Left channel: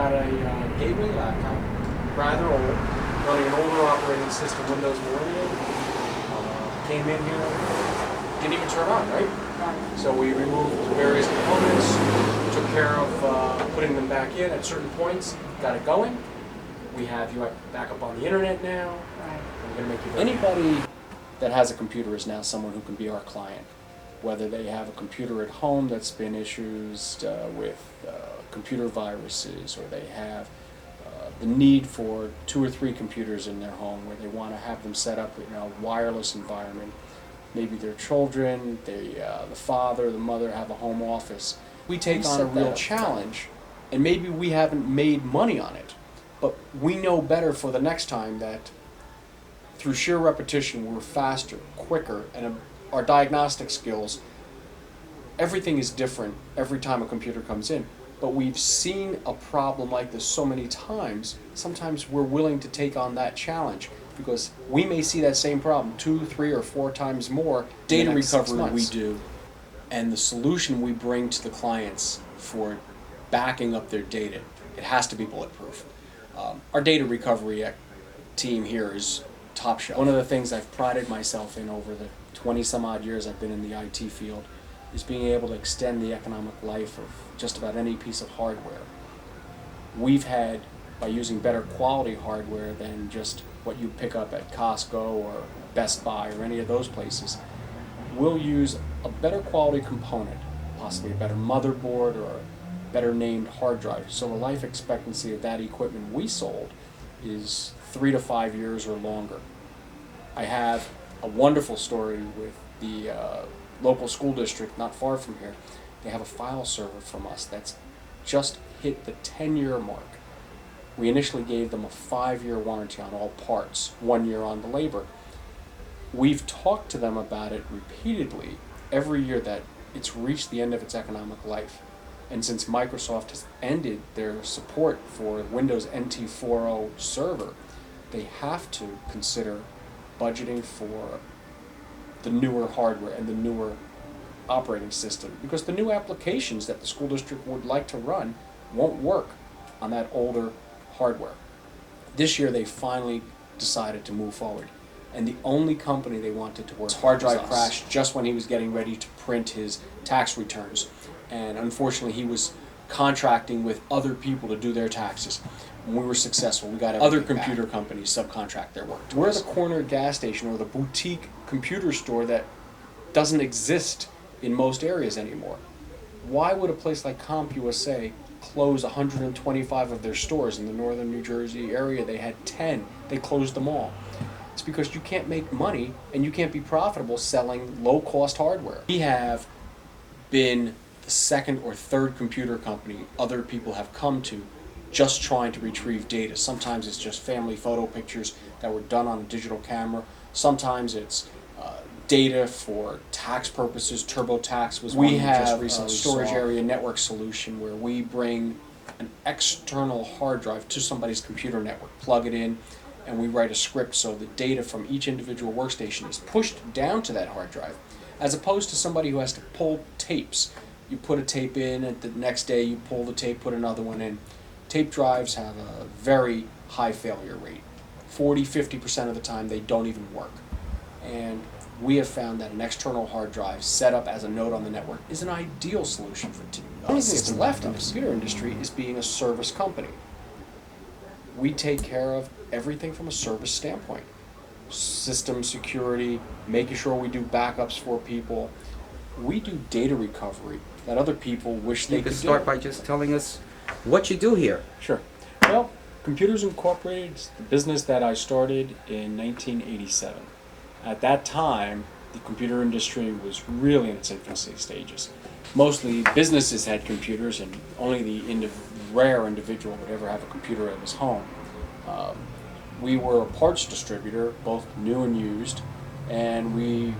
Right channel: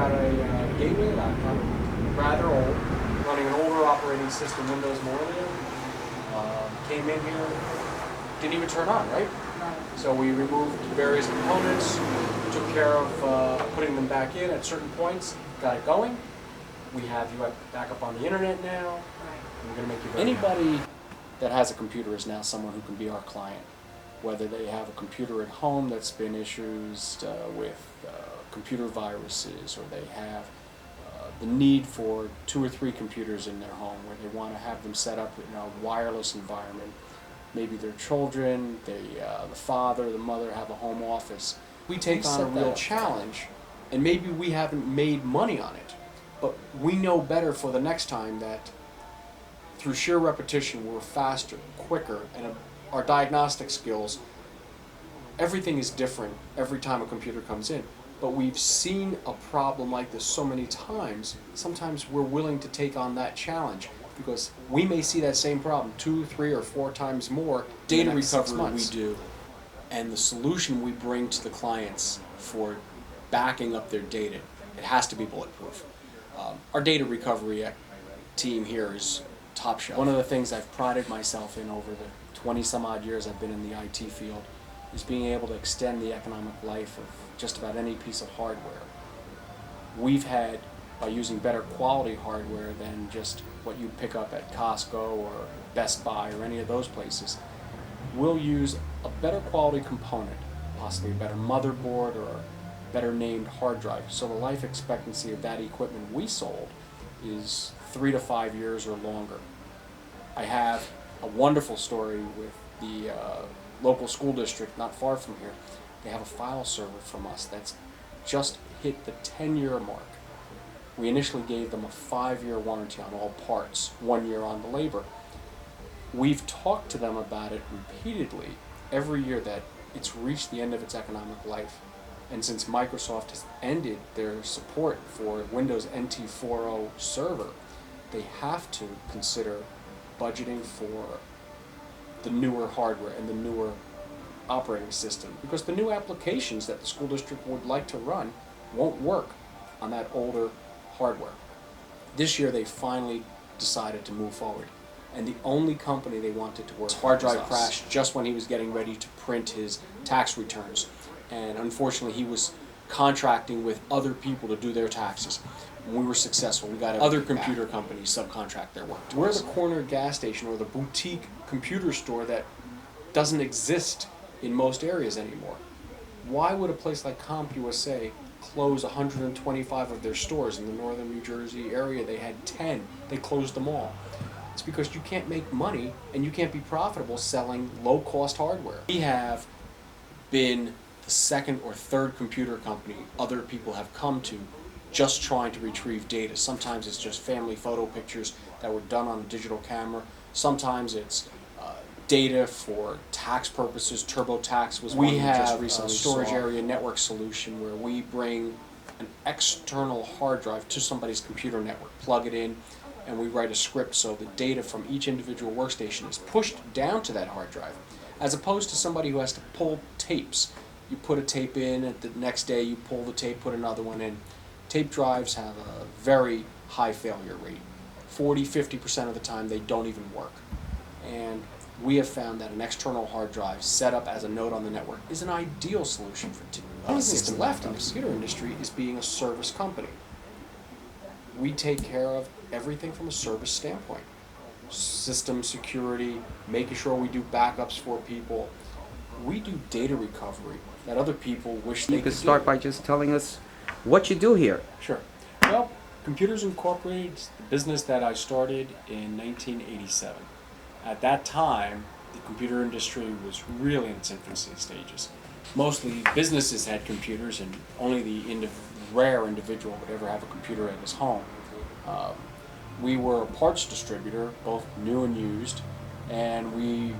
got a gateway laptop, rather old, running an older operating system, Windows Millennium. Came in here, didn't even turn on, right? Right. So we removed various components, took care of putting them back in at certain points, got it going. We have you back up on the internet now, Right. and we're going to make you very Anybody that has a computer is now someone who can be our client. Whether they have a computer at home that's been issues with computer viruses, or they have the need for 2 or 3 computers in their home where they want to have them set up in a wireless environment. Maybe their children, the father, the mother have a home office. We take on a real challenge, and maybe we haven't made money on it, but we know better for the next time that through sheer repetition we're faster, quicker, and our diagnostic skills, everything is different every time a computer comes in. But we've seen a problem like this so many times, sometimes we're willing to take on that challenge because we may see that same problem 2, 3, or 4 times more. Data recovery we do, and the solution we bring to the clients for backing up their data, it has to be bulletproof. Our data recovery team here is top shelf. One of the things I've prided myself in over the 20 some odd years I've been in the IT field is being able to extend the economic life of just about any piece of hardware. We've had, by using better quality hardware than just what you pick up at Costco or Best Buy or any of those places, we'll use a better quality component, possibly a better motherboard or a better named hard drive. So the life expectancy of that equipment we sold is 3 to 5 years or longer. I have a wonderful story with the local school district not far from here. They have a file server from us that's just hit the 10-year mark. We initially gave them a 5-year warranty on all parts, 1 year on the labor. We've talked to them about it repeatedly every year that it's reached the end of its economic life. And since Microsoft has ended their support for Windows NT 4.0 server, they have to consider budgeting for the newer hardware and the newer operating system, because the new applications that the school district would like to run won't work on that older hardware. This year they finally decided to move forward, and the only company they wanted to work with, his hard drive crashed just when he was getting ready to print his tax returns, and unfortunately he was contracting with other people to do their taxes. And we were successful. We got other computer companies subcontract their work to us. We're the corner gas station or the boutique computer store that doesn't exist in most areas anymore. Why would a place like CompUSA close 125 of their stores in the northern New Jersey area? They had 10. They closed them all. It's because you can't make money and you can't be profitable selling low-cost hardware. We have been the second or third computer company other people have come to just trying to retrieve data. Sometimes it's just family photo pictures that were done on a digital camera. Sometimes it's data for tax purposes. TurboTax was one we just recently saw. Storage area network solution where we bring an external hard drive to somebody's computer network, plug it in, and we write a script so the data from each individual workstation is pushed down to that hard drive, as opposed to somebody who has to pull tapes. You put a tape in, and the next day you pull the tape, put another one in. Tape drives have a very high failure rate. 40–50% of the time they don't even work. And we have found that an external hard drive set up as a node on the network is an ideal solution for the only thing that's left in the computer industry is being a service company. We take care of everything from a service standpoint. System security, making sure we do backups for people. We do data recovery that other people wish they could do. Start by just telling us what you do here. Sure. Well, Computers Incorporated is the business that I started in 1987. At that time, the computer industry was really in its infancy stages. Mostly businesses had computers, and only the rare individual would ever have a computer at his home. We were a parts distributor, both new and used, and we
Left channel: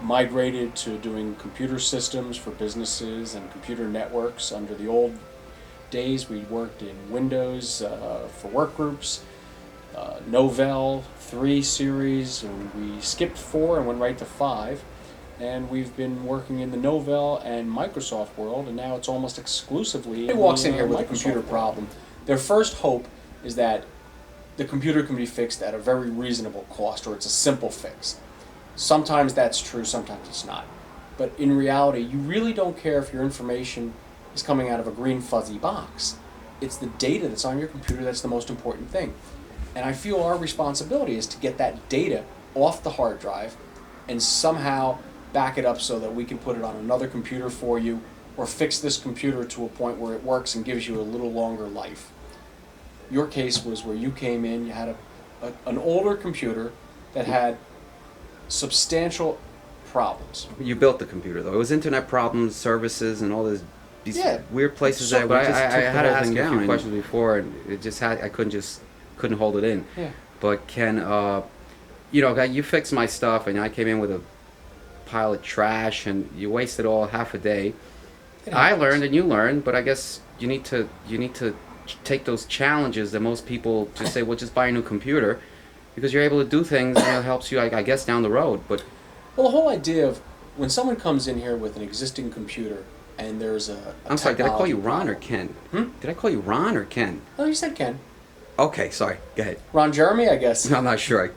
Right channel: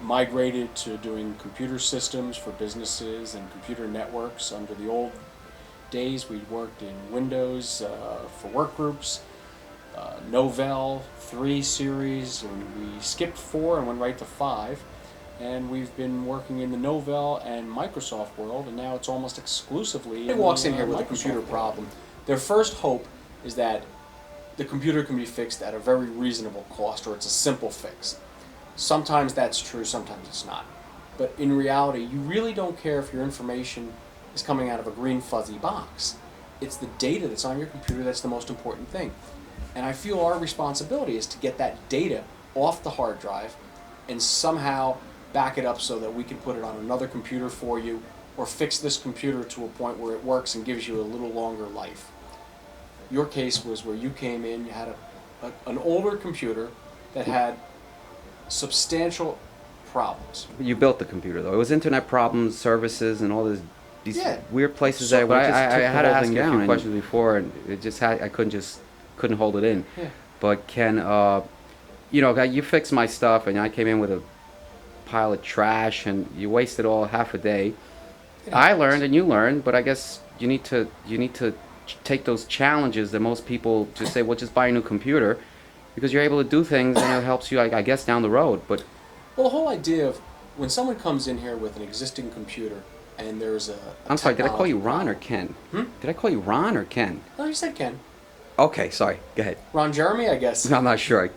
migrated to doing computer systems for businesses and computer networks. Under the old days, we worked in Windows for work groups, Novell 3 series, and we skipped 4 and went right to 5. And we've been working in the Novell and Microsoft world, and now it's almost exclusively. Somebody walks in here with a computer problem. Their first hope is that the computer can be fixed at a very reasonable cost, or it's a simple fix. Sometimes that's true, sometimes it's not. But in reality, you really don't care if your information is coming out of a green fuzzy box. It's the data that's on your computer that's the most important thing. And I feel our responsibility is to get that data off the hard drive and somehow back it up so that we can put it on another computer for you, or fix this computer to a point where it works and gives you a little longer life. Your case was where you came in, you had an older computer that had substantial problems. You built the computer though. It was internet problems, services, and all these Yeah. weird places. So- but I had to ask you a few down. questions before, and it just I couldn't hold it in. Yeah. But Ken, you fixed my stuff, and I came in with a pile of trash, and you wasted all half a day. It I happens. learned and you learned, but I guess you need to take those challenges that most people just say, well, just buy a new computer, because you're able to do things that helps you, I guess, down the road. But Well, the whole idea of when someone comes in here with an existing computer and there's a I'm sorry, did I call technology you Ron problem. or Ken? Hmm? Did I call you Ron or Ken? Oh, you said Ken. Okay, sorry. Go ahead. Ron Jeremy, I guess. I'm not sure.